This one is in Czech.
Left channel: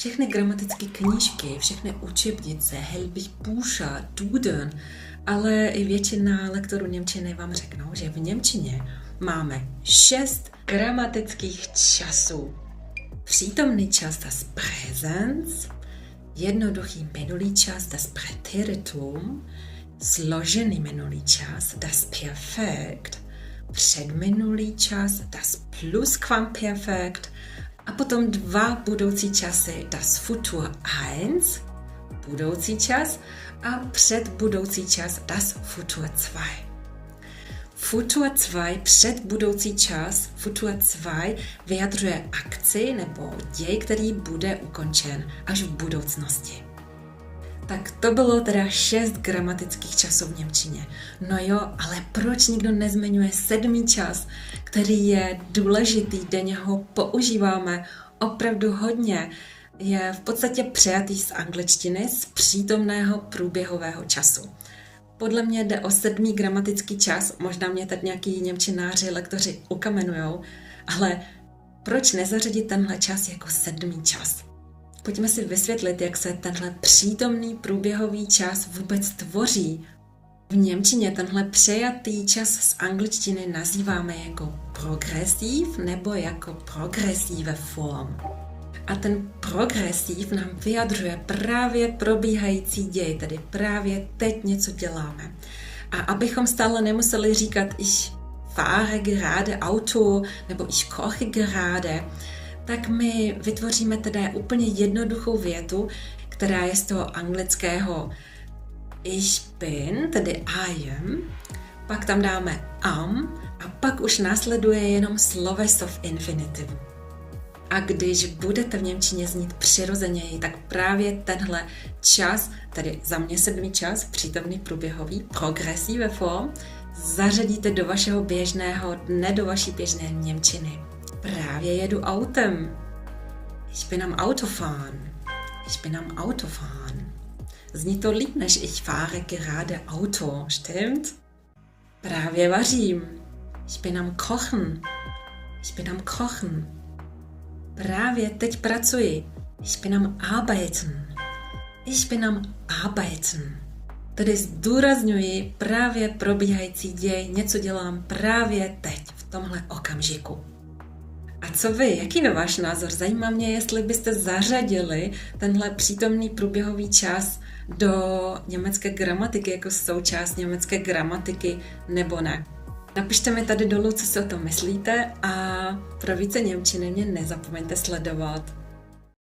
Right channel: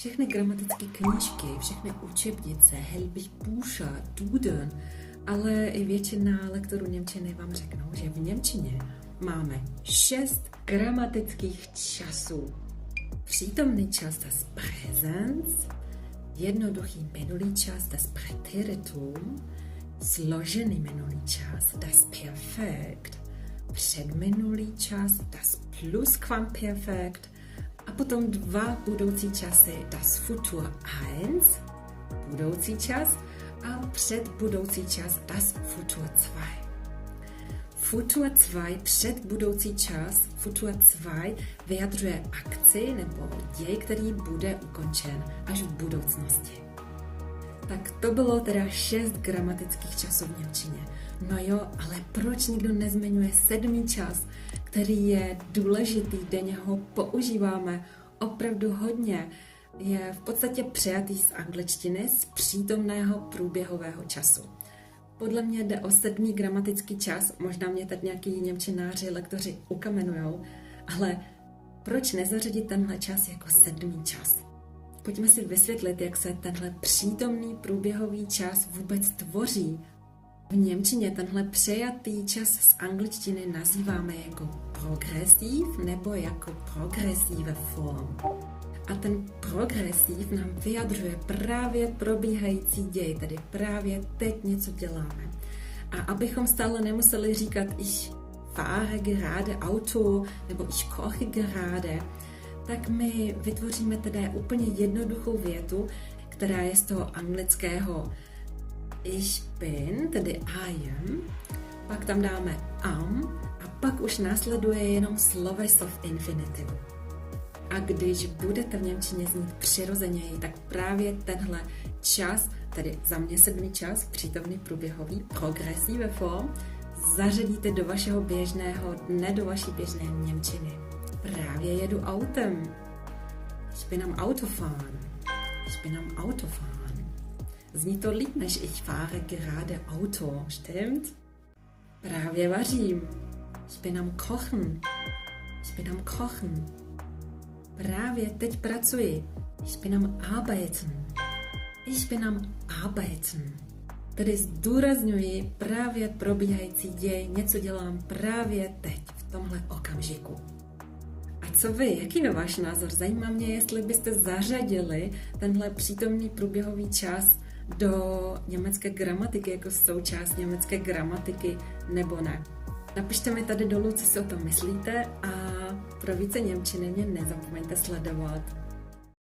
Všechny gramatické knížky, všechny učebnice, Helbich-Bücher, Duden, ale i většina lektorů němčiny vám řeknou, že v němčině máme 6 gramatických časů. Přítomný čas, das Präsens, jednoduchý minulý čas, das Präteritum, složený minulý čas, das Perfekt, předminulý čas, das Plusquamperfekt a potom 2 budoucí časy, das Futur 1, budoucí čas a předbudoucí čas, das Futur 2. Futur 2, předbudoucí čas, Futur 2 vyjadřuje akci nebo děj, který bude ukončen až v budoucnosti. Tak to bylo teda 6 gramatických časů v němčině. No jo, ale proč nikdo nezmiňuje 7. čas, který je důležitý, denně ho používáme opravdu hodně, je v podstatě přejatý z angličtiny, z přítomného průběhového času. Podle mě jde o 7. gramatický čas, možná mě teď nějaký němčináři, lektoři ukamenujou, ale proč nezařadit tenhle čas jako 7. čas? Pojďme si vysvětlit, jak se tenhle přítomný průběhový čas vůbec tvoří. V němčině tenhle přejatý čas z angličtiny nazýváme jako progresiv nebo jako progressive form. A ten progresiv nám vyjadřuje právě probíhající děj, tedy právě teď něco děláme. A abychom stále nemuseli říkat ich fahre gerade Auto nebo ich koche gerade, tak my vytvoříme teda úplně jednoduchou větu, která je z toho anglického ich bin, tedy I am, pak tam dáme am a pak už následuje jenom sloveso v infinitivu. A když budete v němčině znít přirozeněji, tak právě tenhle čas, tedy za mě 7. čas, přítomný průběhový, progressive form, zařadíte do vašeho běžného dne, do vaší běžné němčiny. Právě jedu autem. Ich bin am Autofahren. Ich bin am Autofahren. Zní to líp, než ich fahre gerade Auto, stimmt? Právě vařím. Ich bin am Kochen. Ich bin am Kochen. Právě teď pracuji. Ich bin am Arbeiten. Ich bin am Arbeiten. Tedy zdůrazňuji právě probíhající děj, něco dělám právě teď, v tomhle okamžiku. A co vy? Jaký je váš názor? Zajímá mě, jestli byste zařadili tenhle přítomný průběhový čas do německé gramatiky jako součást německé gramatiky nebo ne. Napište mi tady dolů, co si o tom myslíte a pro více němčiny mě nezapomeňte sledovat.